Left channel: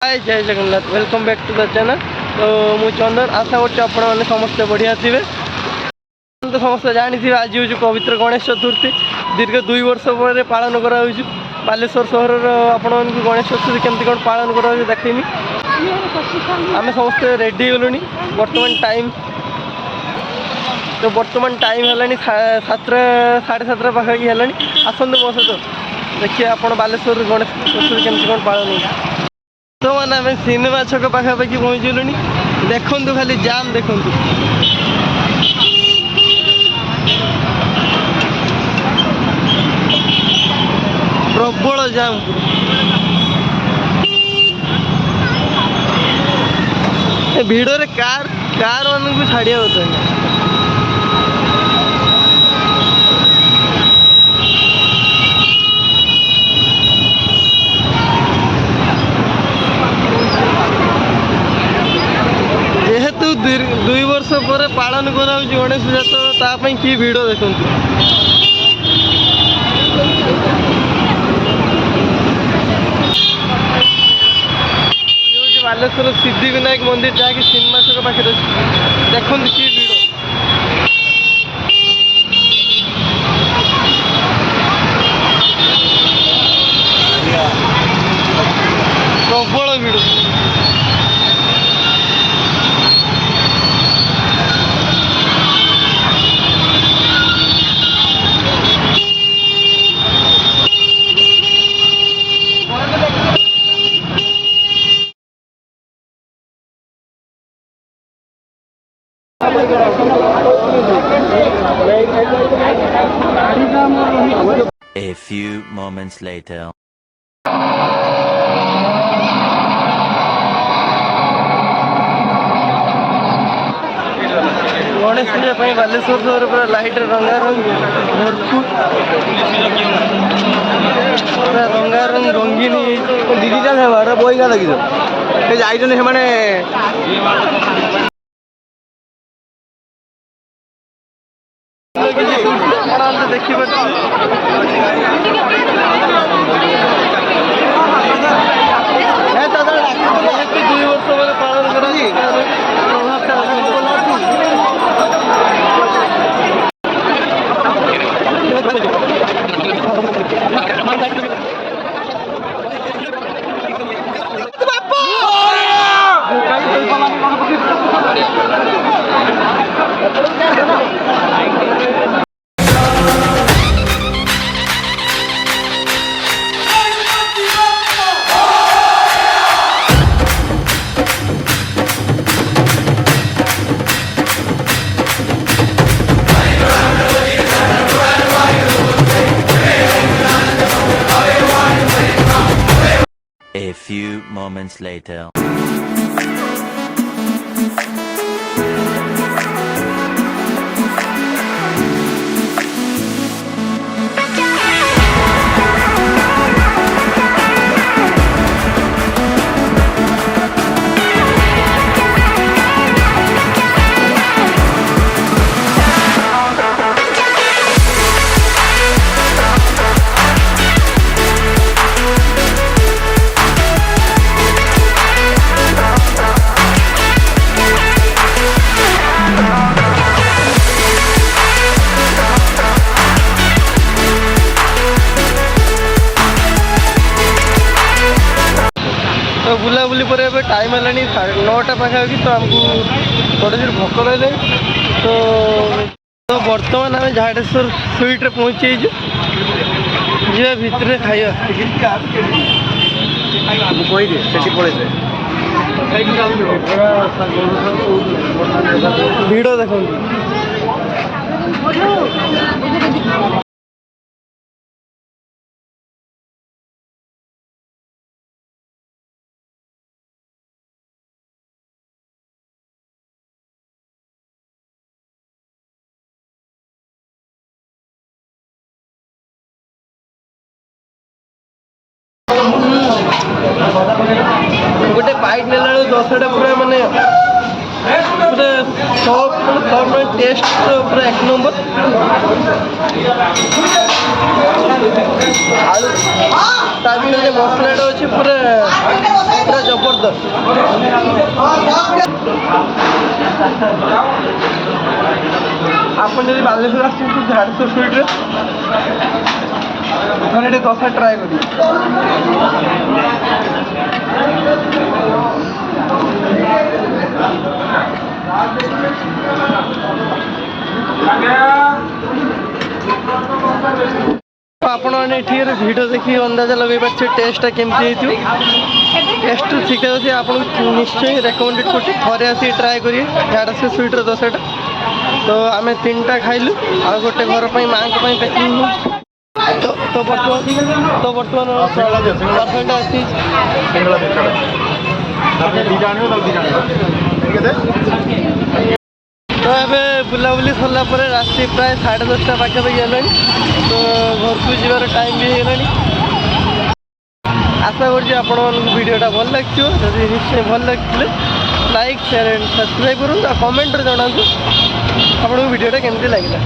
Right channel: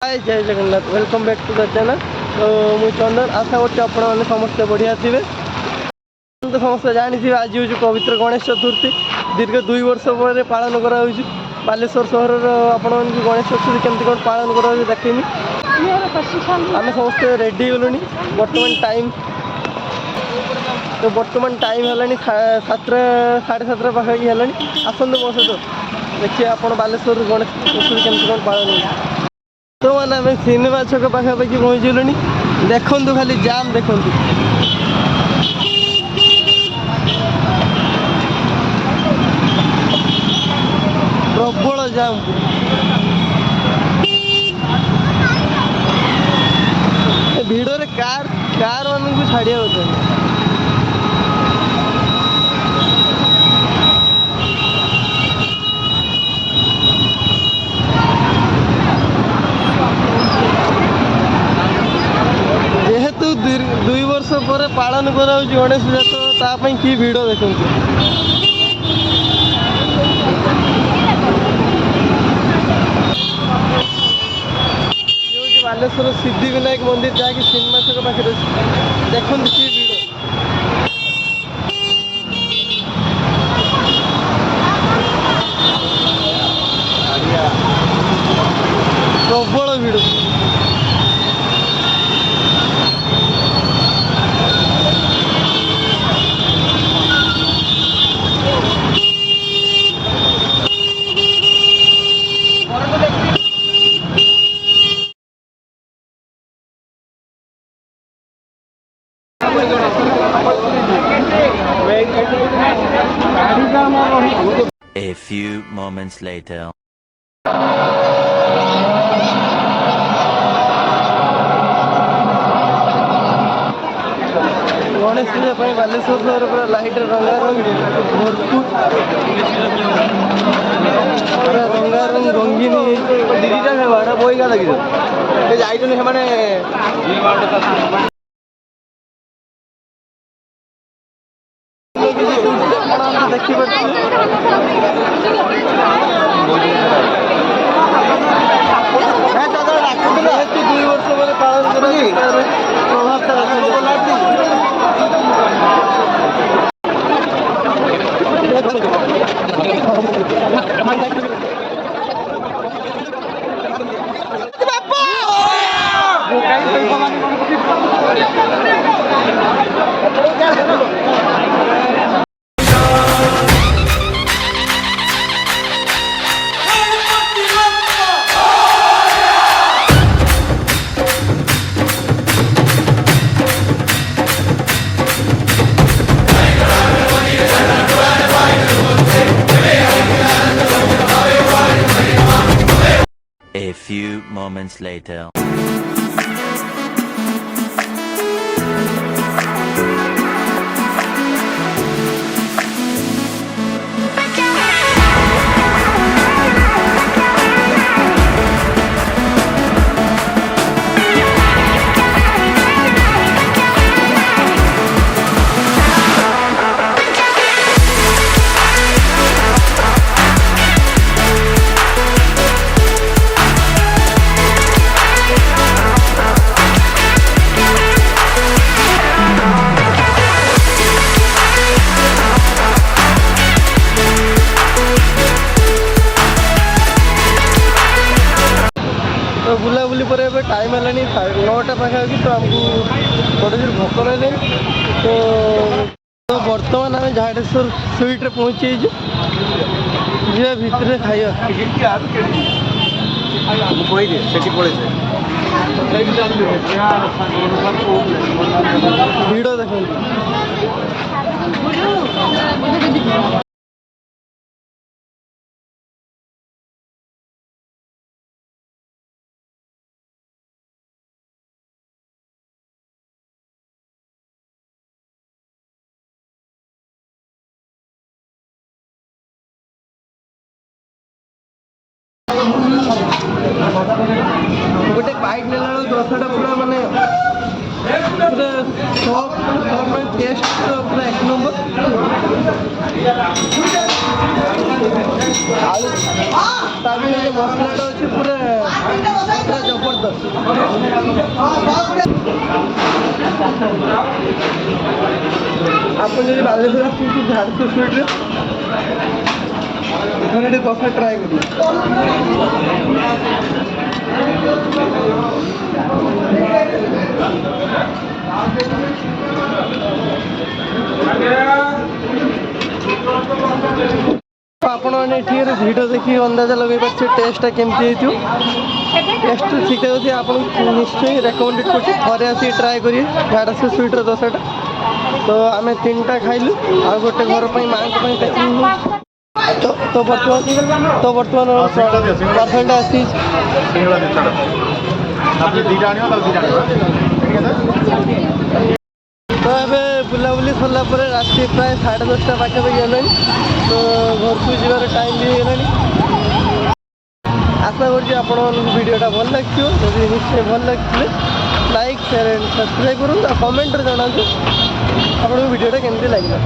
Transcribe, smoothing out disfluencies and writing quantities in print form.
Hi Jai Jagannath welcome back to the channel. तो मुझे चंदन आशा कर समस्ते बढ़िया थे। तो समस्त जानी आज हूँ पवित्र गणेश चतुर्थी दीर्घ 2 वर्ष पर पालन करा बालेश्वर सहर आपण गणेश चतुर्थी केमती कौन पालन करा देखमी। आम समस्ते रेडी गलुनी बर्तमान टाइम है 7:30 पाखापाखि है। आसतु मो सहित देखिए आप बालेश्वर गणेश चतुर्थी केमती कौन पालन हो। तो मैंने आम सिनेमा छक पाखापाखि पहुँचलु। देखु खाली जाम देखु प्रबल जाम भिड़े कार मान को छाड़िया होता है। जेहेतु 2 वर्ष पर पालन करा गणेश पूजा तो तापाई कि भिड़ देखु बालेश्वर सिद्धिविनायक मंदिर जहाँकि सिनेमा छक पाखे देखते कि भिड़ प्रबल भिड़। A few moments later. Ganesh पूजा बालेश्वर सहर पूरा लाइट रंगारंग भरपूर पूरा रंगारंग रंगीन दीदी बोईगा लगे मैंने देखिए जेहेतु 2 वर्ष पर पालन कर A few moments later. तो बुलाबुली पर ए टाइम है 9टा पाखापाखि। तो आमको बड़े जोर भोक रही तो बर्तमान आम झाड़ेश्वर स्वीट रे पहुँची जा भितर खाइबा भिड़ देखो गोटे बाइट नेला 10टा पूरा माने पूरा सब टेस्ट तो पूरा 1 नंबर आलू ता भी मसलाटा अच्छे पूरा पूरा जबरदस्त आपन जब बालेश्वर आसुच्छे झारसुगुड़ा स्वीट रे मैंने दशा ट्राए करी आपण मैंने वीडियो देखिए अंदाजा लगे पारे टेस्टा केमती टेस्ट ठीक ठाक अच्छे आपको निश्चय रेकमेंडेड कर थे आसिक ट्राए करिए झारसुगुड़ा स्वीट्र दशाटा तो आम 3टा खाइलु आ गोटे घर पर माँ को पैकिंग तो बर्तमान परसेंट आसी तो ये बुलाबुली सरला राति प्राय 10:30 पाखापाखि है तो घर को जीवार टाइम भी है आशा करडियोटा भल लगे जदि निश्चय भल लगे लाइक शेयर एंड सब्सक्राइब करूँ कमेंट जनातु आपको वीडियोटा केमती लगे।